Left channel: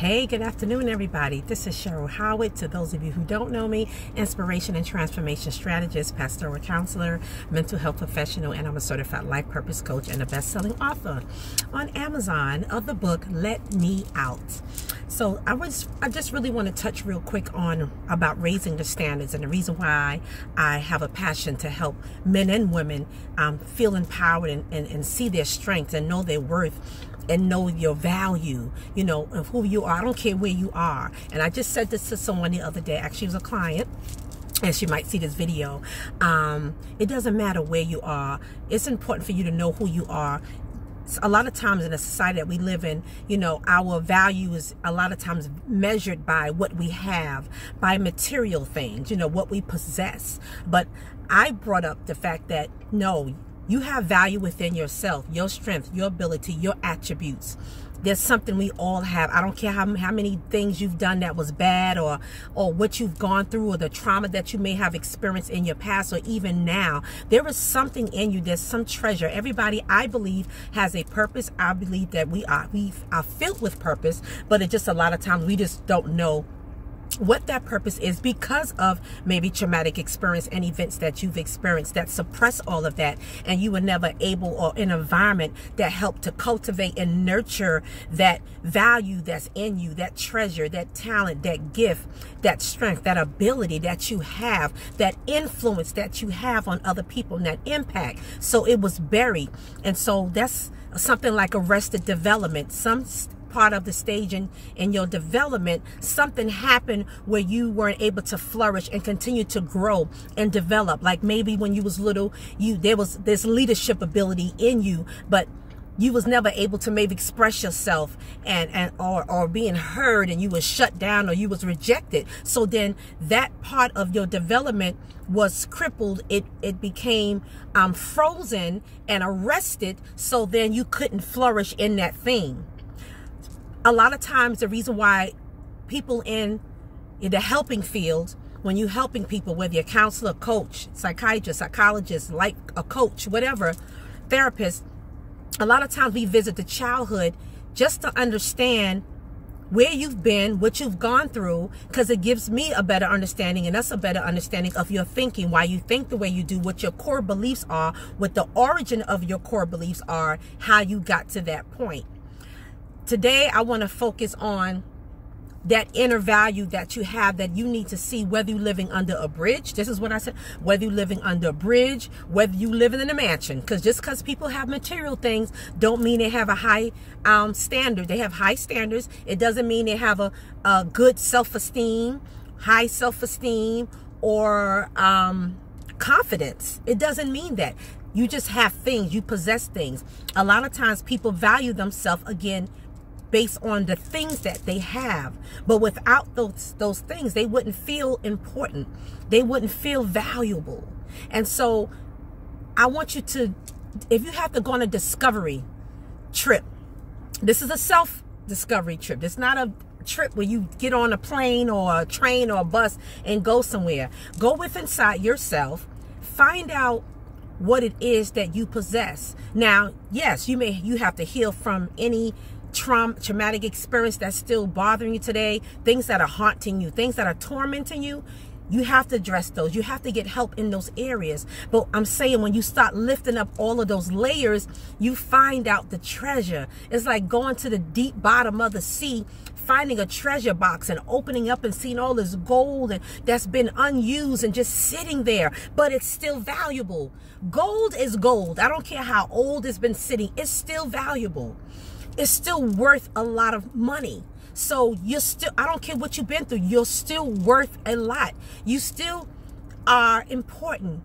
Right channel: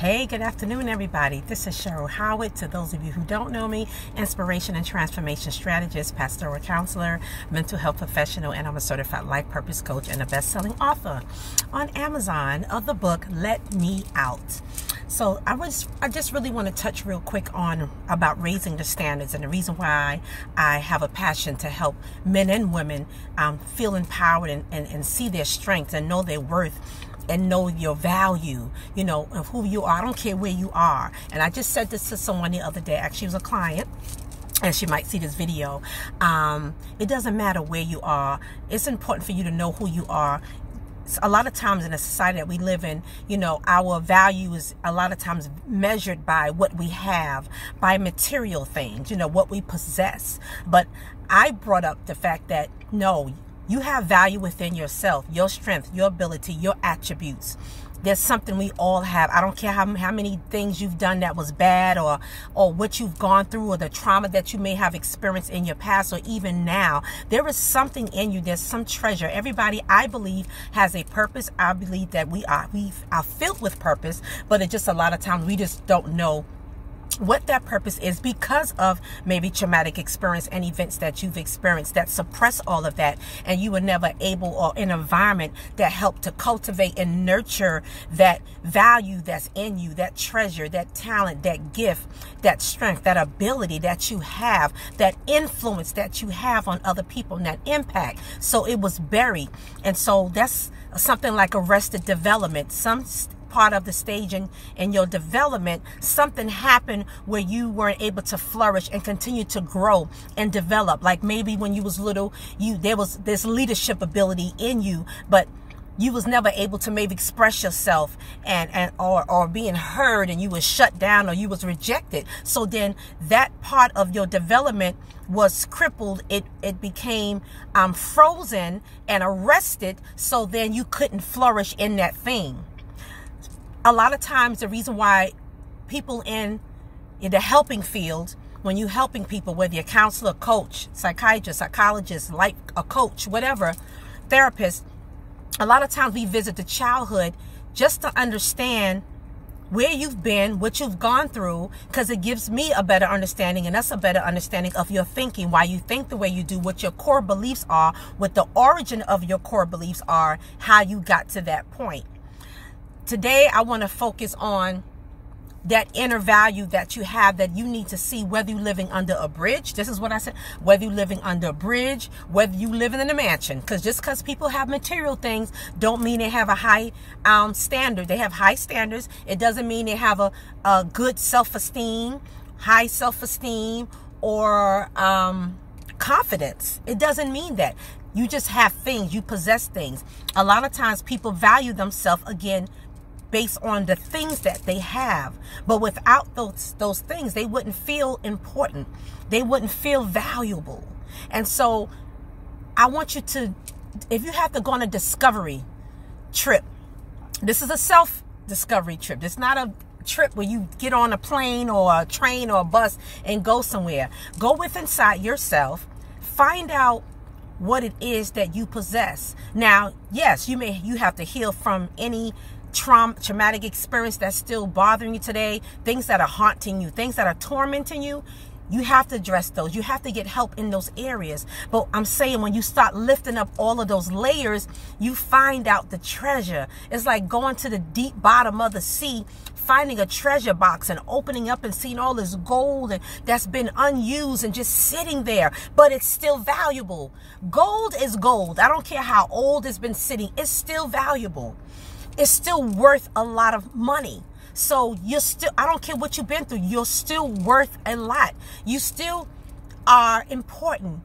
Hey, good afternoon, everybody. This is Cheryl Howard. To those of you who don't know me, inspiration and transformation strategist, pastoral counselor, mental health professional, and I'm a certified life purpose coach and a best-selling author on Amazon of the book, Let Me Out. So I just really want to touch real quick on about raising the standards and the reason why I have a passion to help men and women feel empowered and see their strength and know their worth and know your value, you know, of who you are. I don't care where you are. And I just said this to someone the other day. Actually, it was a client, and she might see this video. It doesn't matter where you are. It's important for you to know who you are. A lot of times in the society that we live in, you know, our value is a lot of times measured by what we have, by material things, you know, what we possess. But I brought up the fact that, no, you have value within yourself, your strength, your ability, your attributes. There's something we all have. I don't care how many things you've done that was bad or what you've gone through or the trauma that you may have experienced in your past or even now. There is something in you. There's some treasure. Everybody, I believe, has a purpose. I believe that we are filled with purpose, but it just a lot of times we just don't know what that purpose is because of maybe traumatic experience and events that you've experienced that suppress all of that, and you were never able or in an environment that helped to cultivate and nurture that value that's in you, that treasure, that talent, that gift, that strength, that ability that you have, that influence that you have on other people, and that impact. So it was buried. And so that's something like arrested development. Some part of the stage in your development, something happened where you weren't able to flourish and continue to grow and develop. Like maybe when you was little, there was this leadership ability in you, but you was never able to maybe express yourself or being heard, and you was shut down or you was rejected. So then that part of your development was crippled. It became frozen and arrested. So then you couldn't flourish in that thing. A lot of times the reason why people in the helping field, when you're helping people, whether you're a counselor, coach, psychiatrist, psychologist, like a coach, whatever, therapist, a lot of times we visit the childhood just to understand where you've been, what you've gone through, because it gives me a better understanding and us a better understanding of your thinking, why you think the way you do, what your core beliefs are, what the origin of your core beliefs are, how you got to that point. Today, I want to focus on that inner value that you have, that you need to see, whether you're living under a bridge. This is what I said, whether you're living under a bridge, whether you're living in a mansion. Because just because people have material things don't mean they have a high standard. They have high standards. It doesn't mean they have a good self-esteem, high self-esteem, or confidence. It doesn't mean that. You just have things. You possess things. A lot of times people value themselves, again, based on the things that they have. But without those things, they wouldn't feel important. They wouldn't feel valuable. And so I want you to, if you have to go on a discovery trip, this is a self-discovery trip. It's not a trip where you get on a plane or a train or a bus and go somewhere. Go within inside yourself. Find out what it is that you possess. Now, yes, you have to heal from any traumatic experience that's still bothering you today, things that are haunting you, things that are tormenting you. You have to address those. You have to get help in those areas. But I'm saying, when you start lifting up all of those layers, you find out the treasure. It's like going to the deep bottom of the sea, finding a treasure box and opening up and seeing all this gold that's been unused and just sitting there, but it's still valuable. Gold is gold. I don't care how old it's been sitting. It's still valuable. It's still worth a lot of money. So you're still, I don't care what you've been through, you're still worth a lot. You still are important.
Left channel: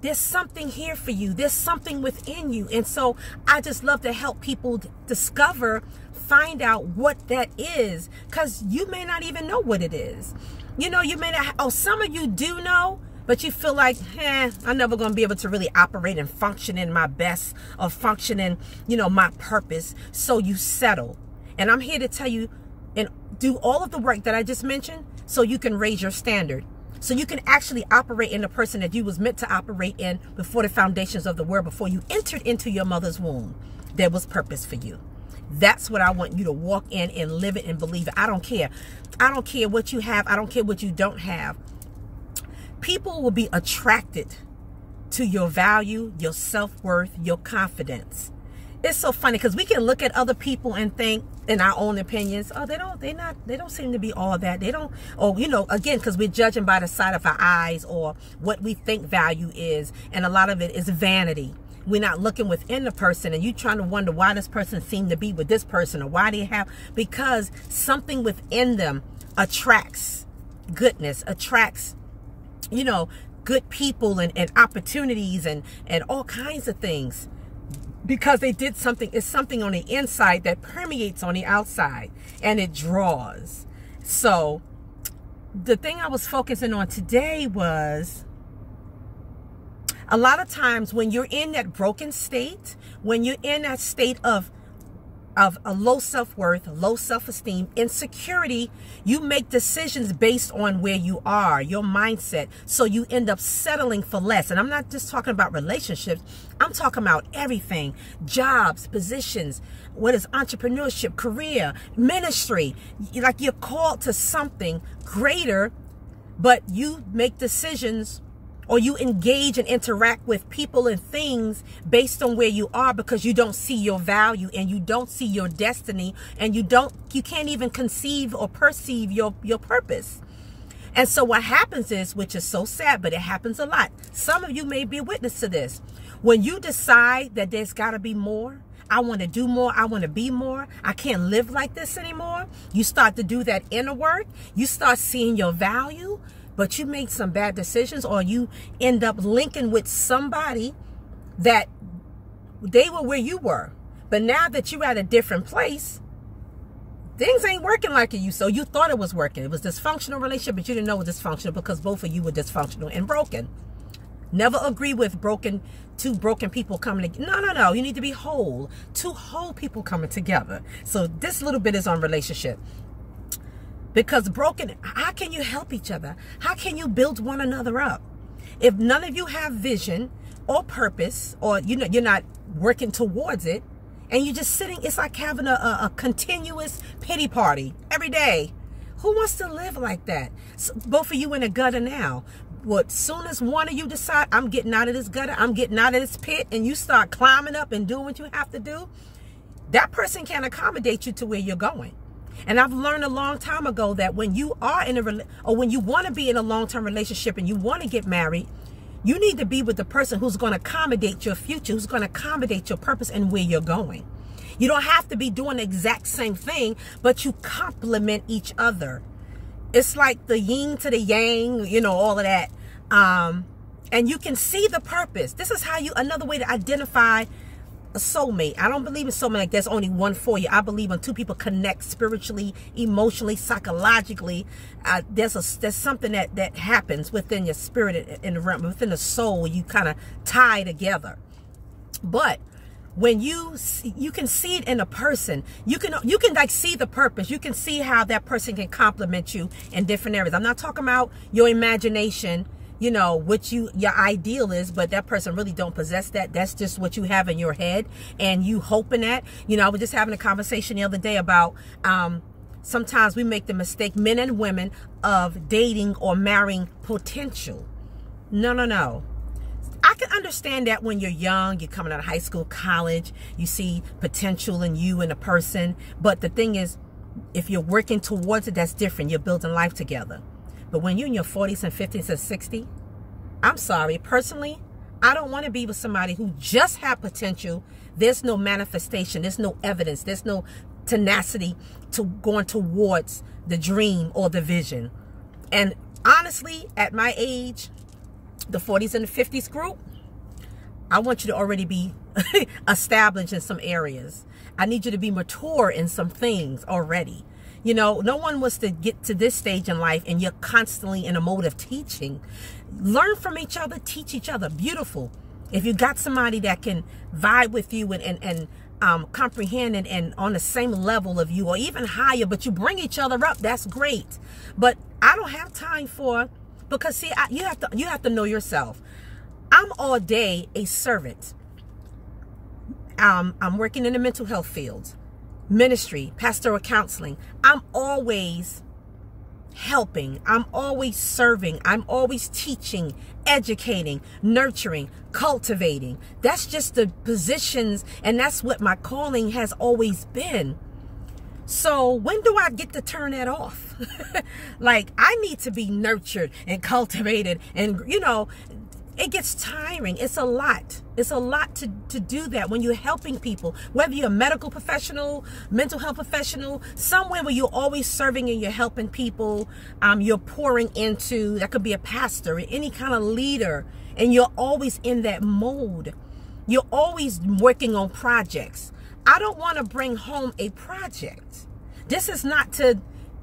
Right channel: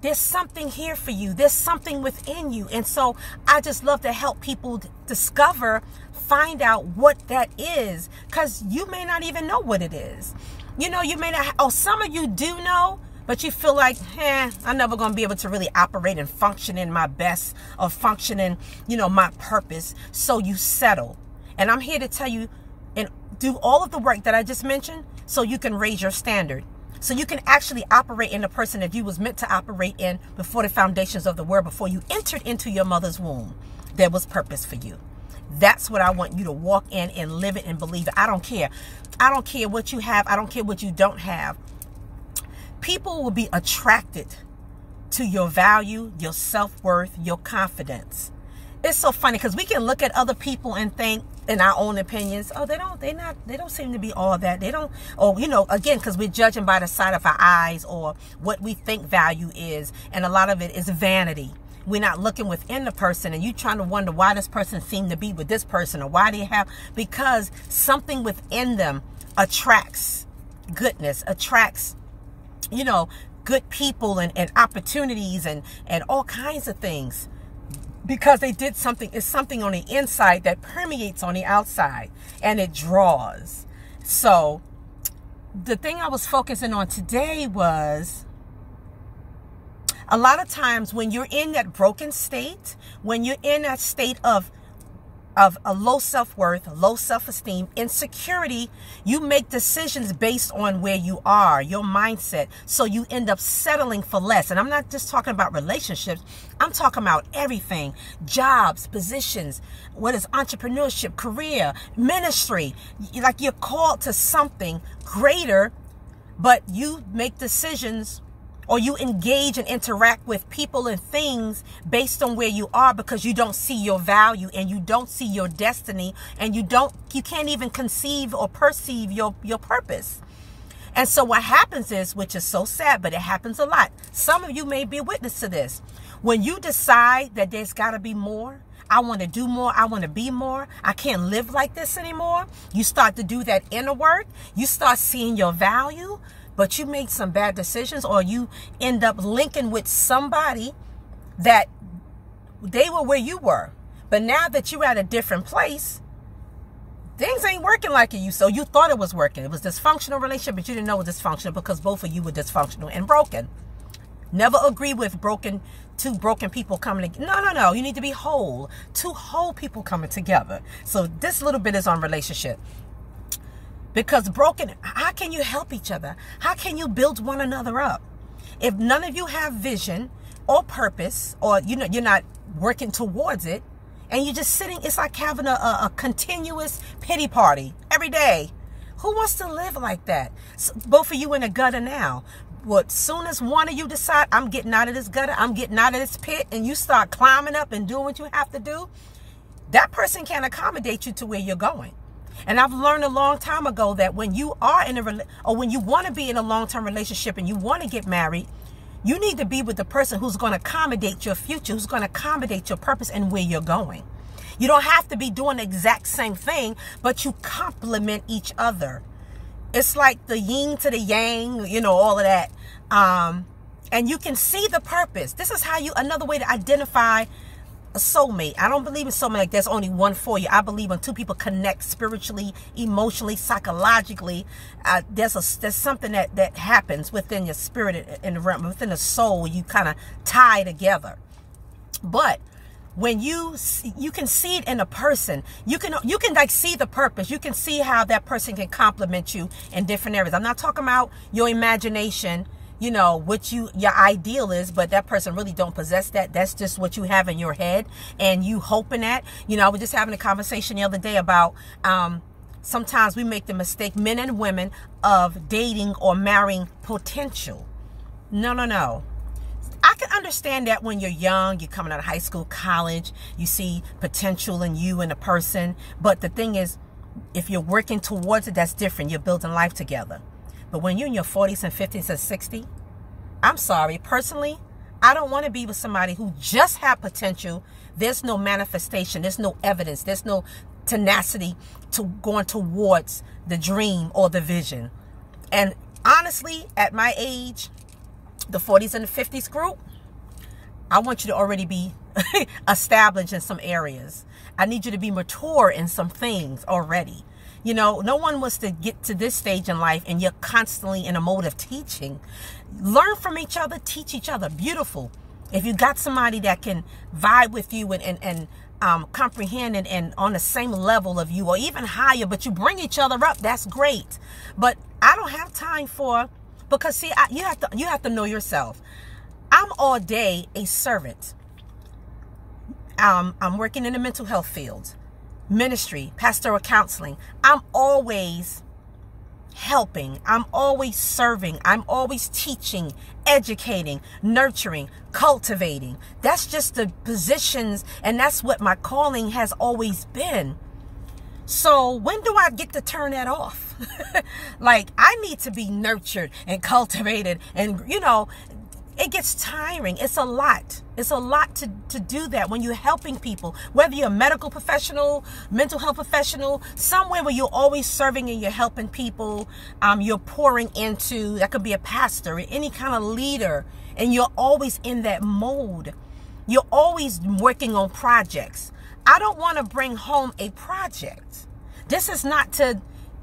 There's something here for you. There's something within you. And so I just love to help people discover, find out what that is, because you may not even know what it is. You know, you may not, some of you do know, but you feel like, I'm never going to be able to really operate and function in my best, or function in, you know, my purpose. So you settle. And I'm here to tell you and do all of the work that I just mentioned so you can raise your standard. So you can actually operate in the person that you was meant to operate in before the foundations of the world, before you entered into your mother's womb. There was purpose for you. That's what I want you to walk in and live it and believe it. I don't care. I don't care what you have. I don't care what you don't have. People will be attracted to your value, your self-worth, your confidence. It's so funny because we can look at other people and think in our own opinions, oh, they don't seem to be all that. They don't, or, you know, again, because we're judging by the side of our eyes or what we think value is. And a lot of it is vanity. We're not looking within the person, and you trying to wonder why this person seemed to be with this person, or why they have, because something within them attracts goodness, attracts, you know, good people and opportunities and all kinds of things, because they did something. It's something on the inside that permeates on the outside, and it draws. So the thing I was focusing on today was, a lot of times when you're in that broken state, when you're in that state of a low self-worth, low self-esteem, insecurity, you make decisions based on where you are, your mindset. So you end up settling for less. And I'm not just talking about relationships. I'm talking about everything. Jobs, positions, what is entrepreneurship, career, ministry. Like, you're called to something greater, but you make decisions, or you engage and interact with people and things based on where you are, because you don't see your value and you don't see your destiny, and you can't even conceive or perceive your purpose. And so what happens is, which is so sad, but it happens a lot. Some of you may be a witness to this. When you decide that there's got to be more, I want to do more, I want to be more, I can't live like this anymore. You start to do that inner work. You start seeing your value, but you make some bad decisions, or you end up linking with somebody that they were where you were. But now that you're at a different place, things ain't working like it used to. So you thought it was working. It was a dysfunctional relationship, but you didn't know it was dysfunctional because both of you were dysfunctional and broken. Never agree with two broken people coming together. No. You need to be whole. Two whole people coming together. So this little bit is on relationship. Because broken, how can you help each other? How can you build one another up? If none of you have vision or purpose, or you're not working towards it, and you're just sitting, it's like having a continuous pity party every day. Who wants to live like that? So both of you in a gutter now. What, soon as one of you decide, I'm getting out of this gutter, I'm getting out of this pit, and you start climbing up and doing what you have to do, that person can't accommodate you to where you're going. And I've learned a long time ago that when you are in or when you want to be in a long-term relationship and you want to get married, you need to be with the person who's going to accommodate your future, who's going to accommodate your purpose and where you're going. You don't have to be doing the exact same thing, but you complement each other. It's like the yin to the yang, all of that. And you can see the purpose. This is how another way to identify a soulmate. I don't believe in soulmate like there's only one for you. I believe when two people connect spiritually, emotionally, psychologically, there's something that happens within your spirit and within the soul. You kind of tie together. But when you can see it in a person, you can like see the purpose. You can see how that person can complement you in different areas. I'm not talking about your imagination, what your ideal is, but that person really don't possess that. That's just what you have in your head and you hoping that. I was just having a conversation the other day about sometimes we make the mistake, men and women, of dating or marrying potential. No. I can understand that when you're young, you're coming out of high school, college, you see potential in you and a person. But the thing is, if you're working towards it, that's different. You're building life together. But when you're in your 40s and 50s and 60s, I'm sorry, personally, I don't want to be with somebody who just have potential. There's no manifestation. There's no evidence. There's no tenacity to going towards the dream or the vision. And honestly, at my age, the 40s and the 50s group, I want you to already be established in some areas. I need you to be mature in some things already. No one wants to get to this stage in life and you're constantly in a mode of teaching. Learn from each other, teach each other. Beautiful. If you got somebody that can vibe with you and comprehend and on the same level of you or even higher, but you bring each other up, that's great. But I don't have time because see, you have to know yourself. I'm all day a servant. I'm working in the mental health field. ministry, pastoral counseling, I'm always helping. I'm always serving. I'm always teaching, educating, nurturing, cultivating. That's just the positions, and that's what my calling has always been. So when do I get to turn that off? Like, I need to be nurtured and cultivated, and it gets tiring. It's a lot. It's a lot to do that when you're helping people, whether you're a medical professional, mental health professional, somewhere where you're always serving and you're helping people, you're pouring into, that could be a pastor, any kind of leader, and you're always in that mode. You're always working on projects. I don't want to bring home a project. This is not to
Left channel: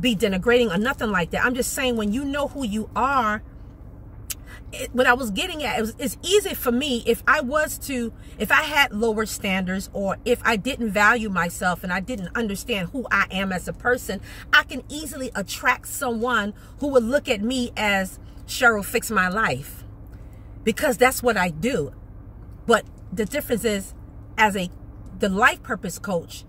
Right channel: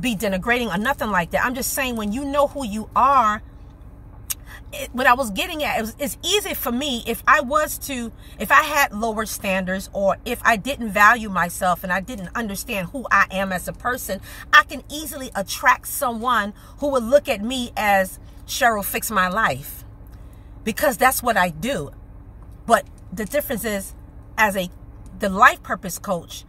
be denigrating or nothing like that. I'm just saying, when you know who you are, what I was getting at, it's easy for me if I had lower standards, or if I didn't value myself and I didn't understand who I am as a person, I can easily attract someone who would look at me as Cheryl fix my life, because that's what I do. But the difference is, as the life purpose coach,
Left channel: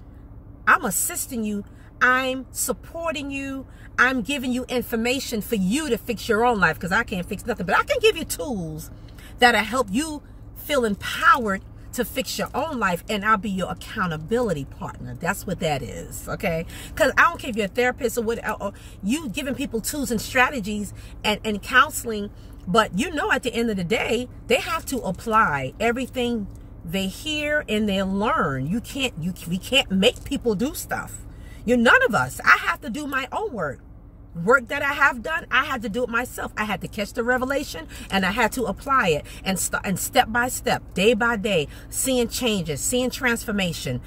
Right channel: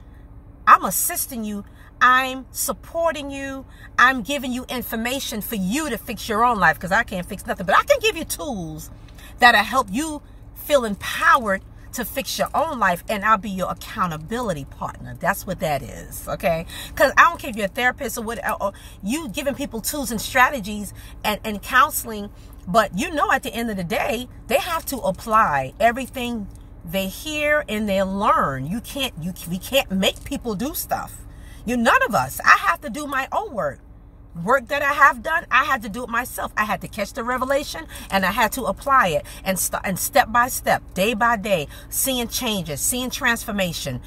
I'm assisting you. I'm supporting you. I'm giving you information for you to fix your own life, because I can't fix nothing. But I can give you tools that'll help you feel empowered to fix your own life, and I'll be your accountability partner. That's what that is, okay? Because I don't care if you're a therapist or you giving people tools and strategies and counseling, but at the end of the day, they have to apply everything they hear and they learn. We can't make people do stuff. None of us. I have to do my own work. Work that I have done, I had to do it myself. I had to catch the revelation, and I had to apply it, and step by step, day by day, seeing changes, seeing transformation,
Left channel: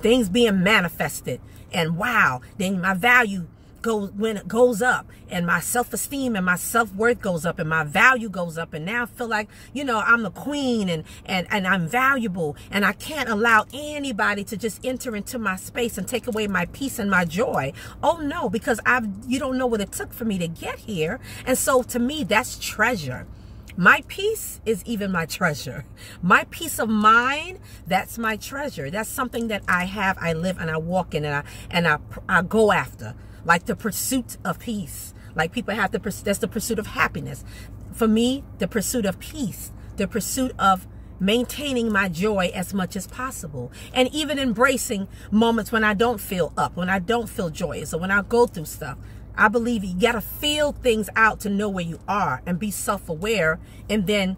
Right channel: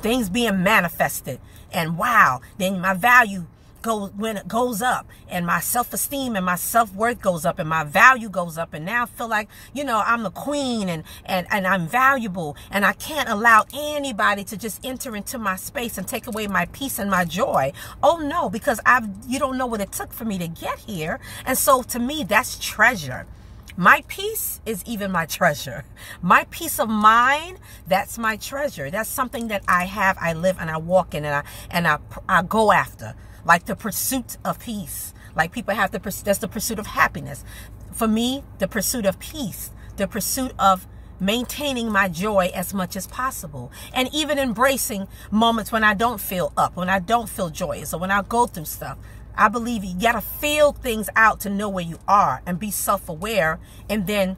things being manifested. And wow, then my value goes up, and my self-esteem and my self-worth goes up, and my value goes up, and now I feel like I'm the queen, and I'm valuable, and I can't allow anybody to just enter into my space and take away my peace and my joy. Oh no, because you don't know what it took for me to get here. And so to me, that's treasure. My peace is even my treasure. My peace of mind, that's my treasure. That's something that I have, I live, and I walk in, and I go after. Like the pursuit of peace. Like people have that's the pursuit of happiness. For me, the pursuit of peace, the pursuit of maintaining my joy as much as possible. And even embracing moments when I don't feel up, when I don't feel joyous, or when I go through stuff. I believe you got to feel things out to know where you are and be self-aware, and then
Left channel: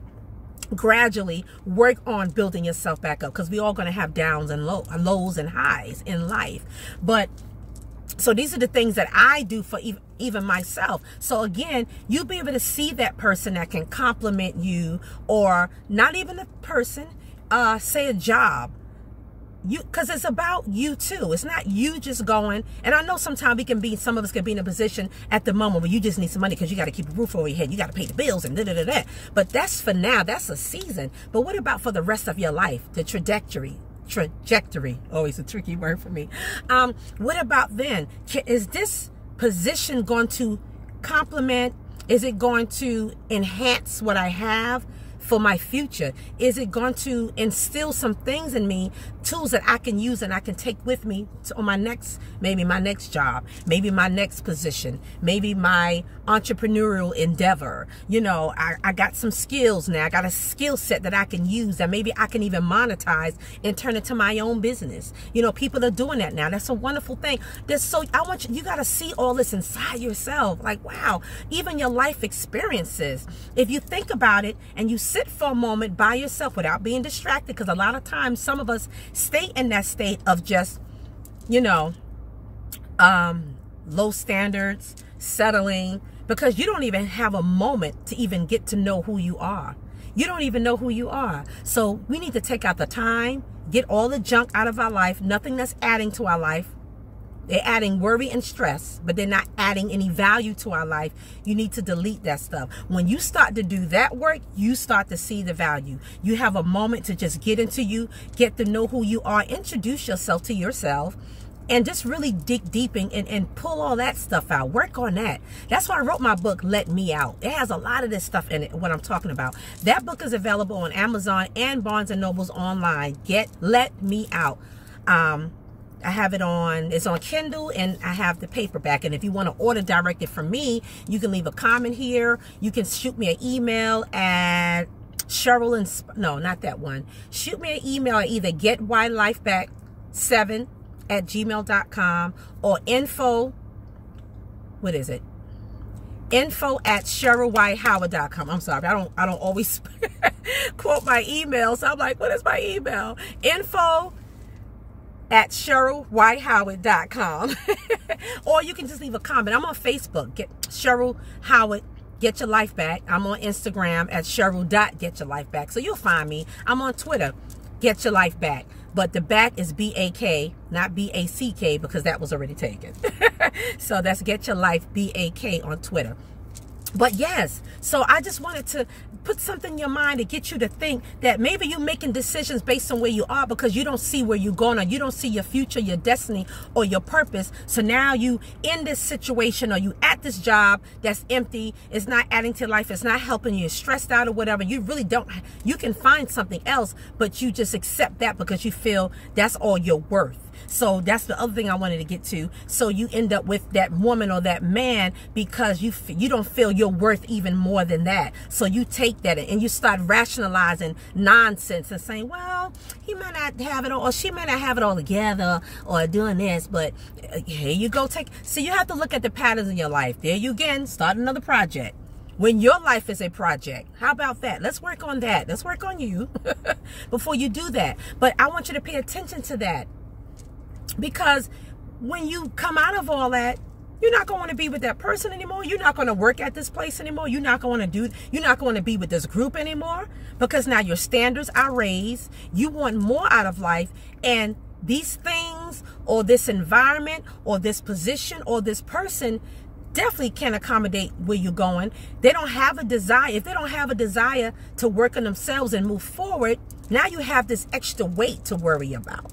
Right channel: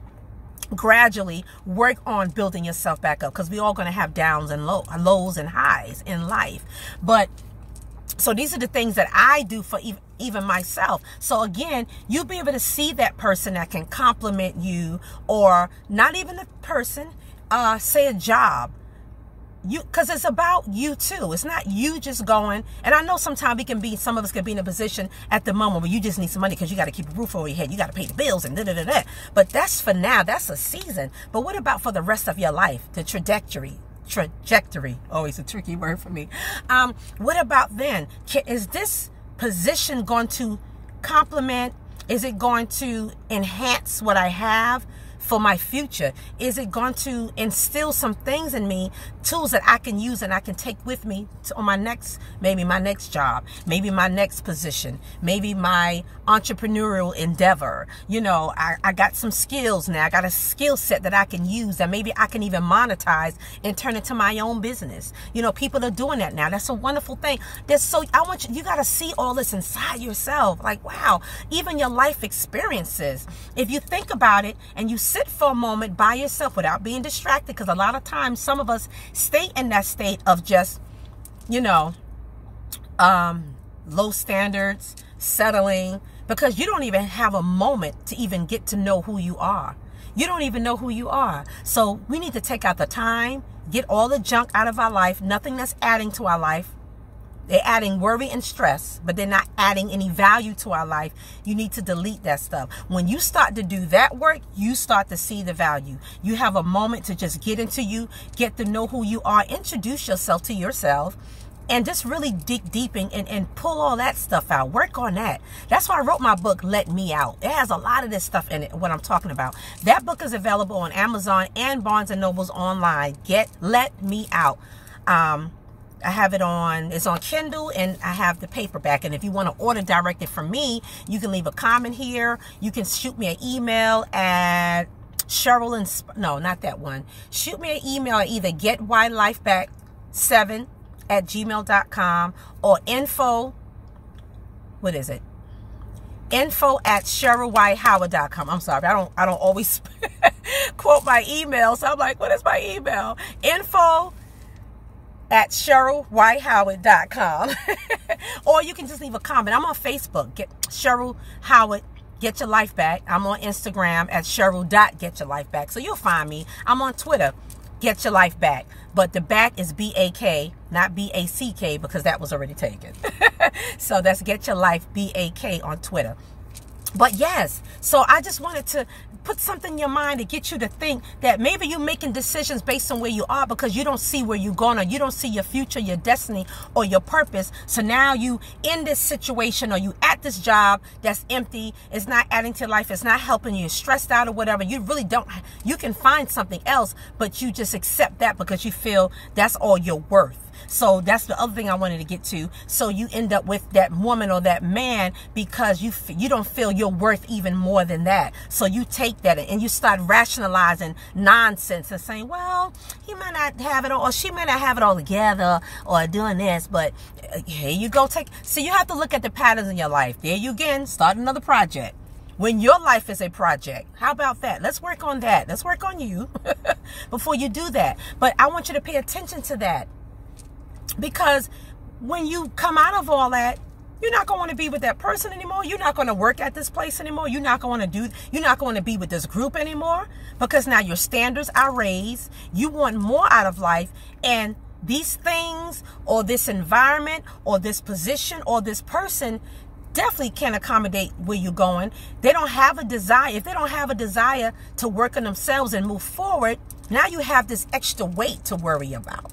gradually work on building yourself back up, because we're all going to have downs and lows and highs in life. But so these are the things that I do for even myself. So again, you'll be able to see that person that can compliment you, or not even a person, say a job. Because it's about you too. It's not you just going. And I know sometimes some of us can be in a position at the moment where you just need some money because you got to keep a roof over your head. You got to pay the bills and da-da-da-da. But that's for now. That's a season. But what about for the rest of your life? The trajectory, always a tricky word for me. What about then? Is this position going to complement? Is it going to enhance what I have for my future? Is it going to instill some things in me, tools that I can use and I can take with me on maybe my next job, maybe my next position, maybe my entrepreneurial endeavor? I got some skills now. I got a skill set that I can use that maybe I can even monetize and turn into my own business. People are doing that now. That's a wonderful thing. You got to see all this inside yourself. Like, wow, even your life experiences. If you think about it and you sit for a moment by yourself without being distracted, because a lot of times some of us stay in that state of just, low standards, settling, because you don't even have a moment to even get to know who you are. You don't even know who you are. So we need to take out the time, get all the junk out of our life, nothing that's adding to our life. They're adding worry and stress, but they're not adding any value to our life. You need to delete that stuff. When you start to do that work, you start to see the value. You have a moment to just get into you, get to know who you are, introduce yourself to yourself, and just really dig deep and pull all that stuff out. Work on that. That's why I wrote my book, Let Me Out. It has a lot of this stuff in it, what I'm talking about. That book is available on Amazon and Barnes & Noble's online. Let Me Out. I have it on, it's on Kindle, and I have the paperback. And if you want to order directly from me, you can leave a comment here. You can shoot me an email at Cheryl and no, not that one. Shoot me an email at either getyLifeback7@gmail.com or info at CherylWhiteHoward.com. I'm sorry, I don't always quote my email, so I'm like, what is my email? Info at CherylWhiteHoward.com. Or you can just leave a comment. I'm on Facebook, Cheryl Howard Get Your Life Back. I'm on Instagram at Cheryl.GetYourLifeBack. So you'll find me. I'm on Twitter, Get Your Life Back. But the back is B-A-K, not B-A-C-K, because that was already taken. So that's Get Your Life, B-A-K on Twitter. But yes, so I just wanted to put something in your mind to get you to think that maybe you're making decisions based on where you are because you don't see where you're going, or you don't see your future, your destiny, or your purpose. So now you in this situation, or you at this job that's empty, it's not adding to your life, it's not helping you, you're stressed out or whatever. You really don't, you can find something else, but you just accept that because you feel that's all you're worth. So that's the other thing I wanted to get to. So you end up with that woman or that man because you don't feel you're worth even more than that. So you take that and you start rationalizing nonsense and saying, well, he might not have it all, or she might not have it all together, or doing this, but here you go. So you have to look at the patterns in your life. There you again, start another project. When your life is a project, how about that? Let's work on that. Let's work on you before you do that. But I want you to pay attention to that. Because when you come out of all that, you're not going to be with that person anymore. You're not going to work at this place anymore. You're not going to be with this group anymore, because now your standards are raised. You want more out of life, and these things or this environment or this position or this person definitely can't accommodate where you're going. They don't have a desire. If they don't have a desire to work on themselves and move forward, now you have this extra weight to worry about.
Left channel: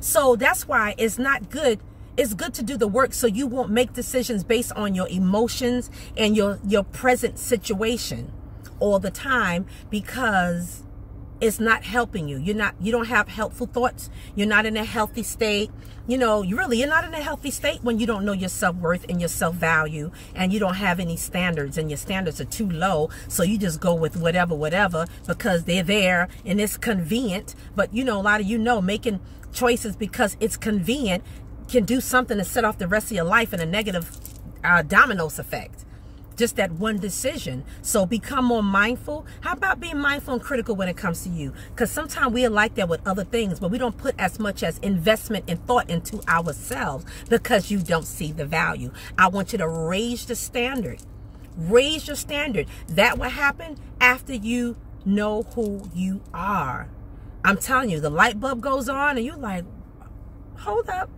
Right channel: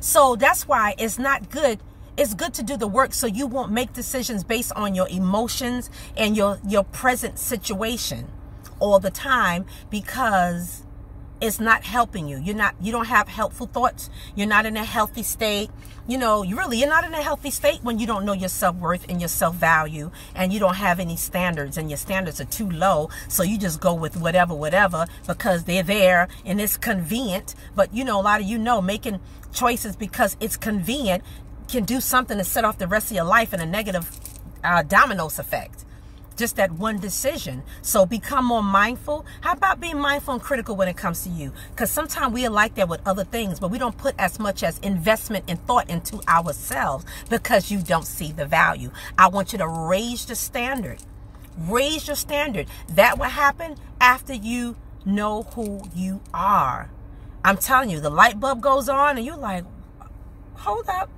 So that's why it's not good. It's good to do the work so you won't make decisions based on your emotions and your present situation all the time, because it's not helping you. You don't have helpful thoughts. You're not in a healthy state. You know, you're not in a healthy state when you don't know your self-worth and your self-value, and you don't have any standards, and your standards are too low. So you just go with whatever because they're there and it's convenient. But a lot of making choices because it's convenient can do something to set off the rest of your life in a negative dominoes effect. Just that one decision. So become more mindful. How about being mindful and critical when it comes to you? Because sometimes we are like that with other things, but we don't put as much as investment and thought into ourselves because you don't see the value. I want you to raise the standard. Raise your standard. That will happen after you know who you are. I'm telling you, the light bulb goes on and you're like, hold up.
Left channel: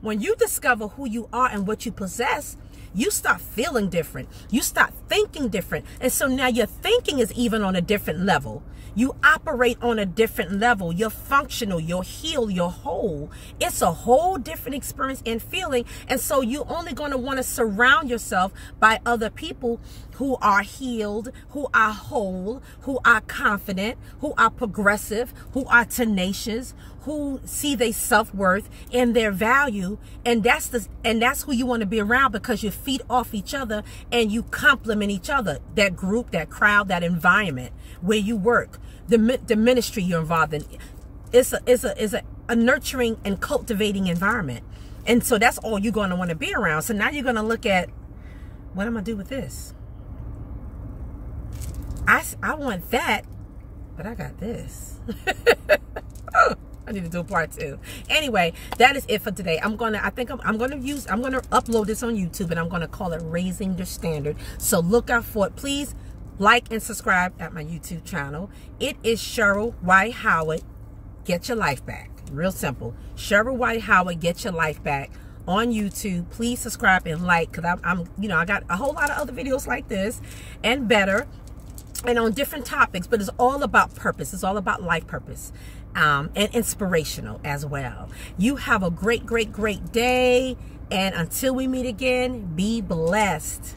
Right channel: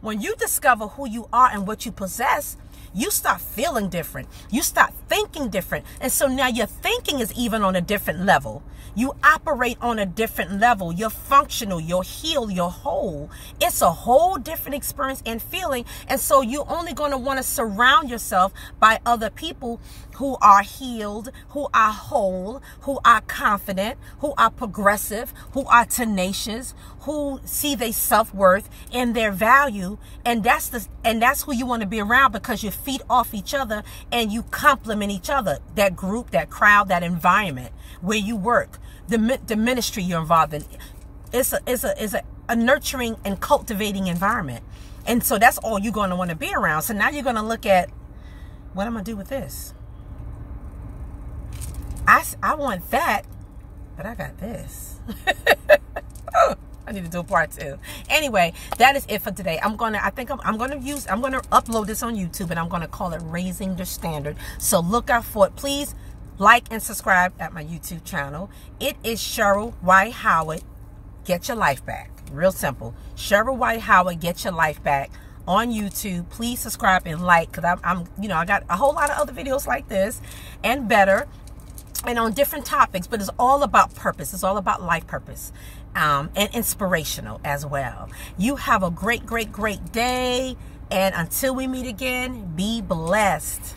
When you discover who you are and what you possess, you start feeling different. You start thinking different. And so now your thinking is even on a different level. You operate on a different level. You're functional, you're healed, you're whole. It's a whole different experience and feeling. And so you're only going to want to surround yourself by other people who are healed, who are whole, who are confident, who are progressive, who are tenacious, who see their self-worth and their value. And that's who you want to be around, because you feed off each other and you complement each other. That group, that crowd, that environment where you work, the ministry you're involved in, is a nurturing and cultivating environment. And so that's all you're going to want to be around. So now you're going to look at, what am I going to do with this? I want that, but I got this. I need to do a part 2. Anyway, that is it for today. I'm gonna upload this on YouTube, and I'm gonna call it Raising the Standard. So look out for it. Please like and subscribe at my YouTube channel. It is Cheryl White Howard, Get Your Life Back. Real simple. Cheryl White Howard, Get Your Life Back on YouTube. Please subscribe and like, because I got a whole lot of other videos like this and better, and on different topics, but it's all about purpose. It's all about life purpose. And inspirational as well. You have a great, great, great day. And until we meet again, be blessed.